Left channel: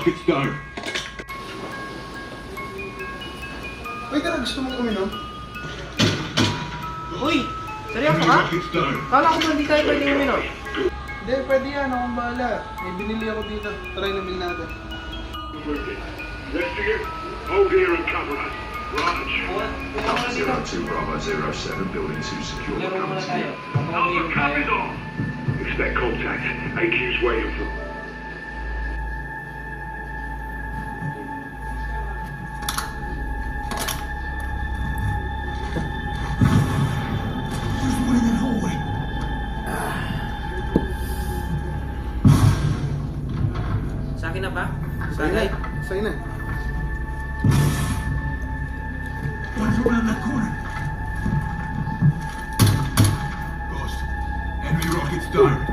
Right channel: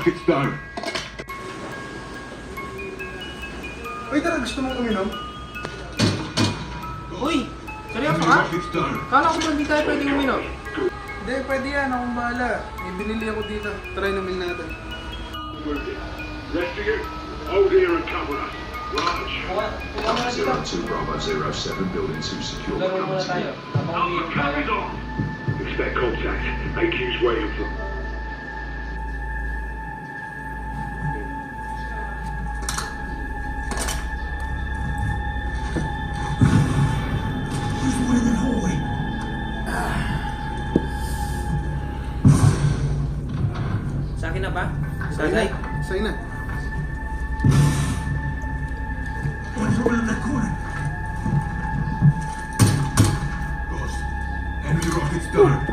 rockets down. Wait, tara, gusto mong uminom? Uy! Seryoso ka? Kala ko ba hindi tayo pwedeng uminom? Hindi, pwede yan. Akong bahala. May binili ako dito. Try namin natin. Zero two Bravo zero seven building two secure. Laro muna tayo. Habang umiinom tayo. Expect contact. AQ's waiting for. Na ba? Sunlight? Sa'yo na. One's around that corner. Ghost. Enemy rockets down.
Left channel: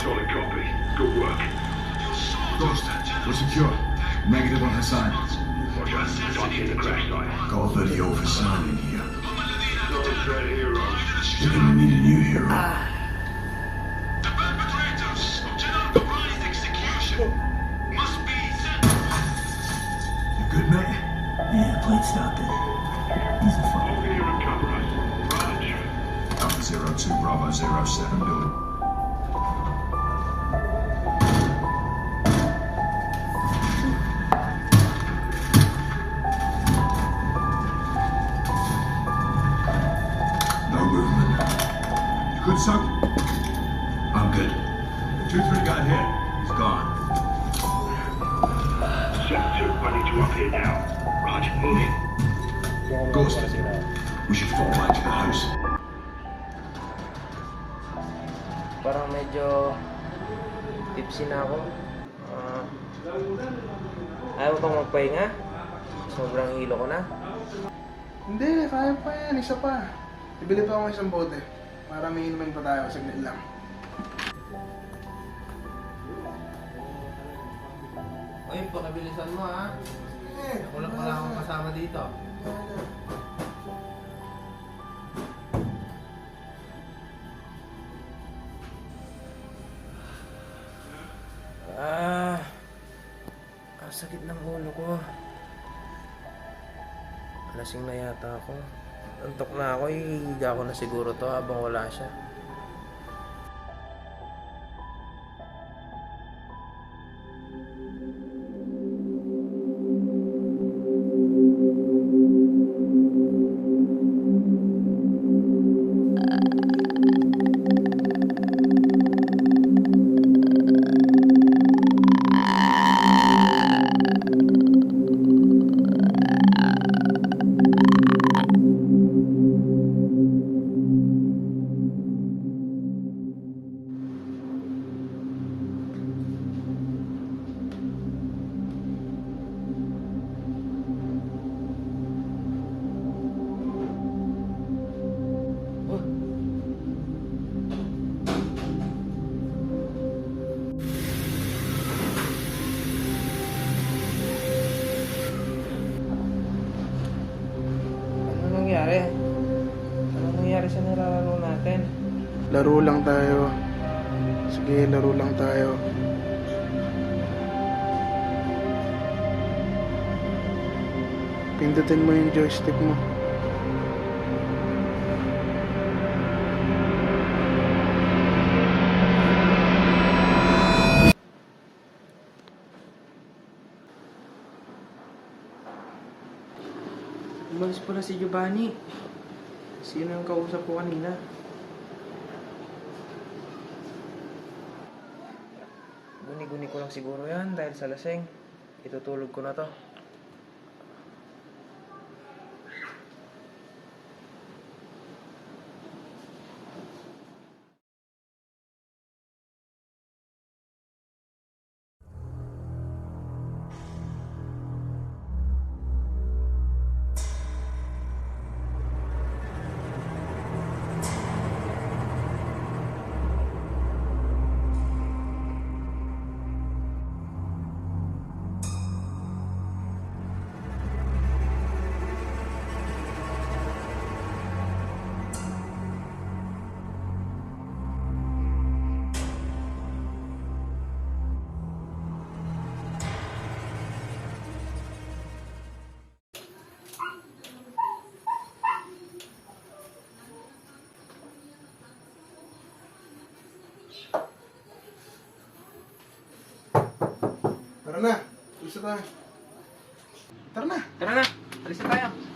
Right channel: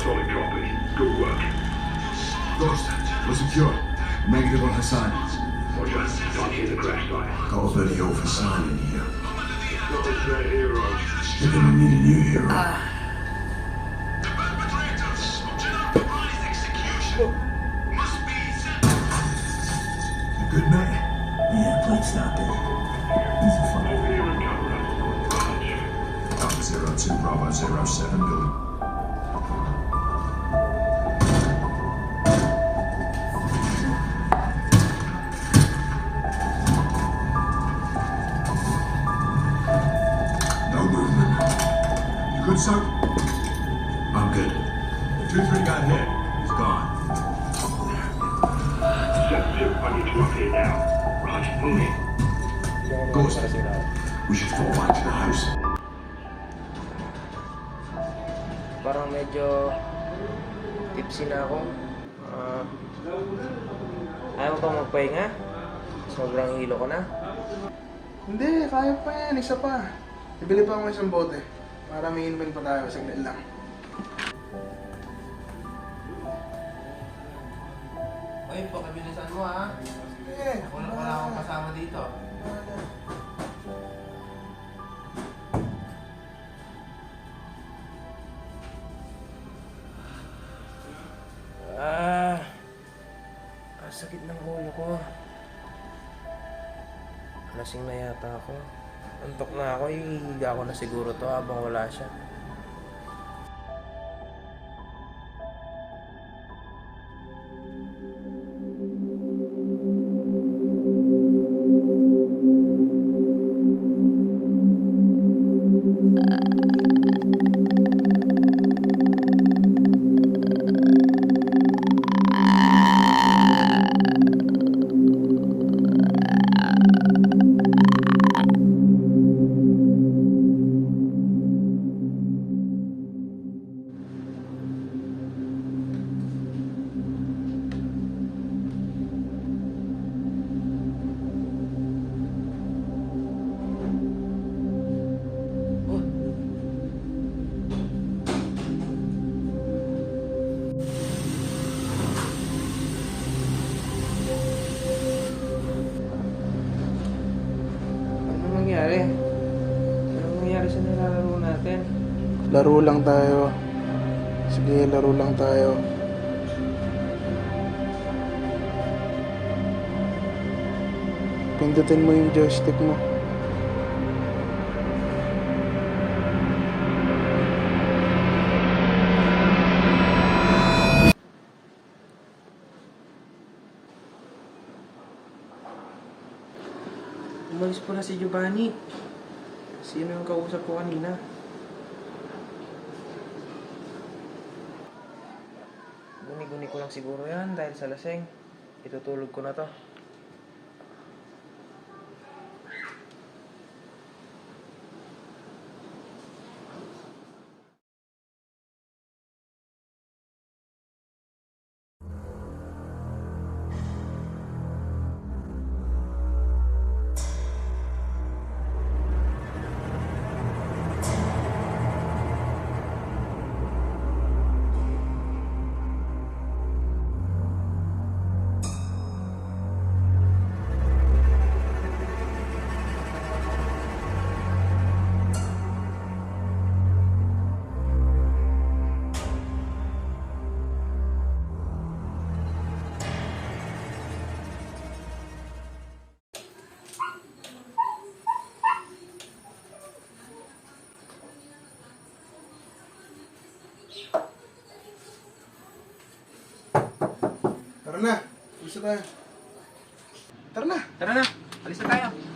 Solid copy. Good work. Ghost. We're secure. Negative on Hassan. Roger. Time to hit the crash site. Got a video of Hassan in here. God's a hero. They're gonna need a new hero. Ah. Yeah, plate's not good. He's a fun. Over here and cover us. Raj. Alpha zero two Bravo zero seven building. No movement. You good, son? I'm good. Two, three got hit. He's gone. 7-2, I need to up here now. Raj, move in. Ghost. We should fall back to the house. Parang medyo tipsy na ako. Ah, ayaw ko magpahinga. Sobrang hilo ko na. Hindi, kaya pa yan. Isa pa. Bibili pa ako ng isang bote. Para may inumin pa tayo. Saglit lang. Ay, pakibilisan mo ha. Sige. Wala, wala akong kasama dito. Ah, ang sakit ng ulo ko. Lasing na yata ako. Antok na ako, ihiga ko na siguro to habang wala siya. Laro lang tayo. Sige, laro lang tayo. Pindutin mo yung joystick mo. Umalis pala si Giovanni. Sino yung kausap ko kanina? Guni-guni ko lang siguro yan dahil sa laseng. Itutulog ko na to. Na. Gusto tayo. Tara na. Tara na, alis na tayo.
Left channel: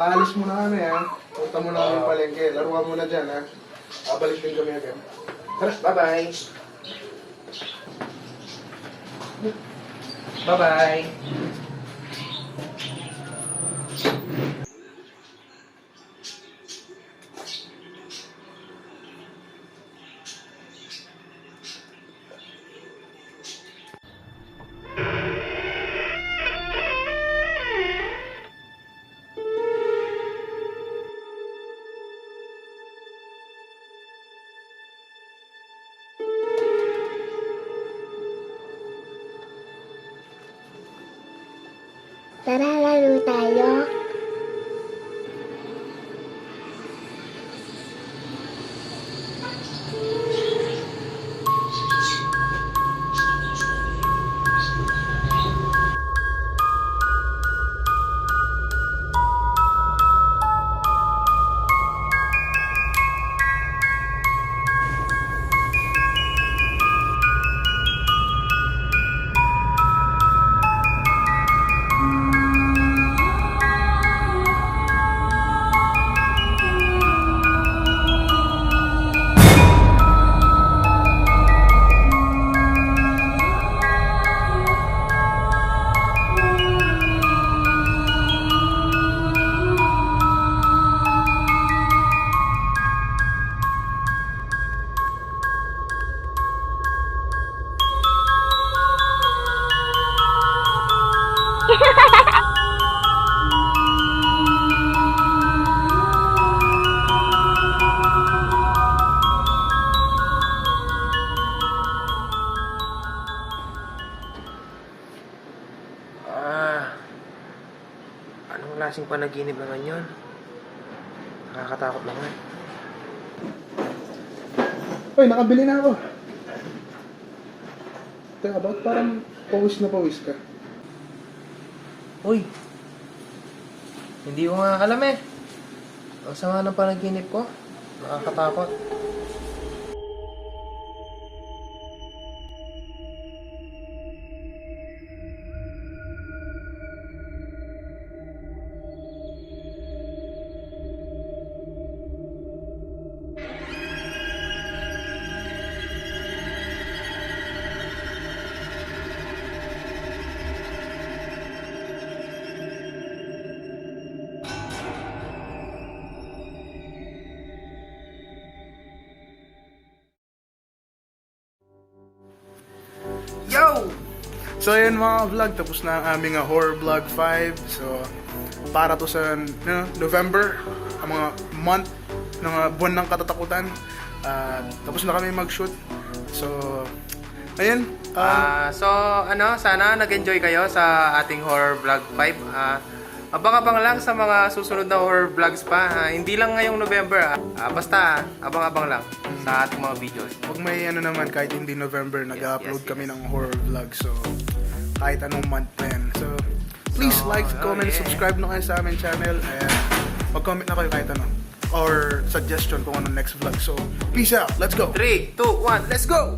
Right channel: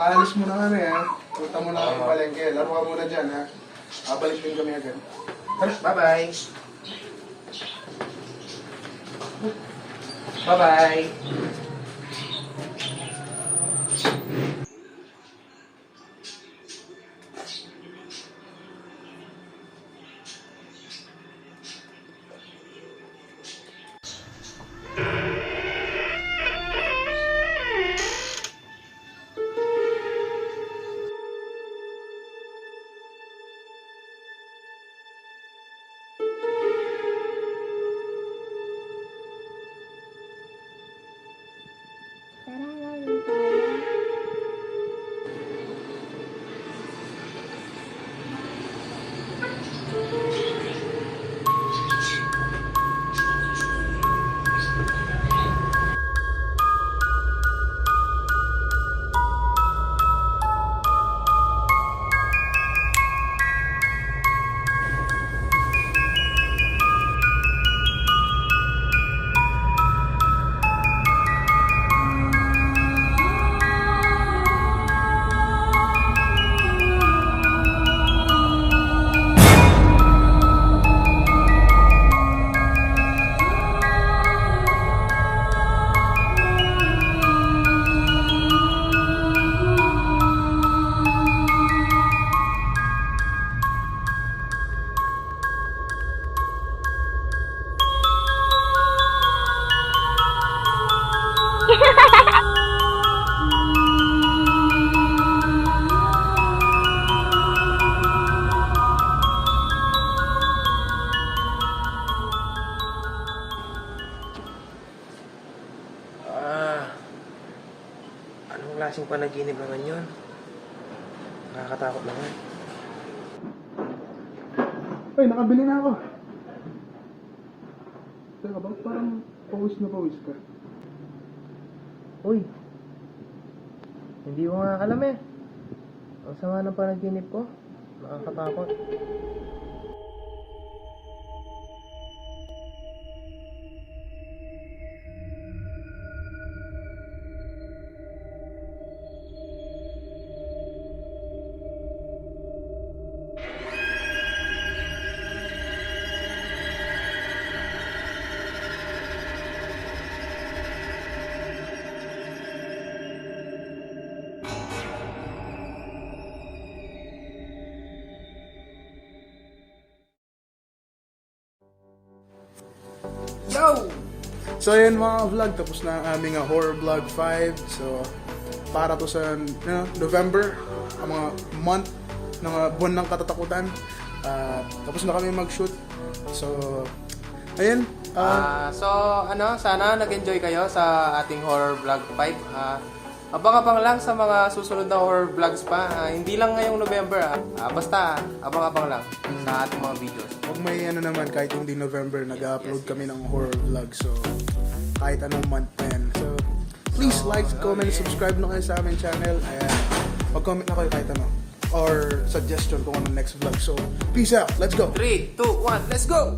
O, aalis muna kami ha. Punta muna kami palengke. Laro ka muna dyan ha. Abalik din kami agad. Tara. Bye-bye. Bye-bye. Klaseng panaginip naman yun? Nakakatakot naman. Uy, nakabili na ako. Teka, ba't parang pawis na pawis ka? Uy, hindi ko nga alam eh. Ang sama ng panaginip ko. Nakakatakot. Yo! So ayun mga vlog, tapos na ang aming uh, horror vlog 5. So para to sa you know, November, ang mga month ng uh, buwan ng katatakutan. Uh, tapos na kami mag-shoot. So ayun, uh, Ah, so ano, sana nag-enjoy kayo sa ating horror vlog 5. Ah, abang-abang lang sa mga susunod na horror vlogs pa. Ah, hindi lang ngayong November. ah. Ah, basta abang-abang lang sa ating mga videos. Pag may ano naman, kahit hindi November, nag-upload yes, kami ng horror vlog. So, kahit anong month na yan. So, please So, like, oh, comment, yeah. subscribe na kayo sa aming channel. And mag-comment na kayo kahit ano. Or suggestion kung ano next vlog. So, peace out. Let's go. 3, 2, 1, let's go!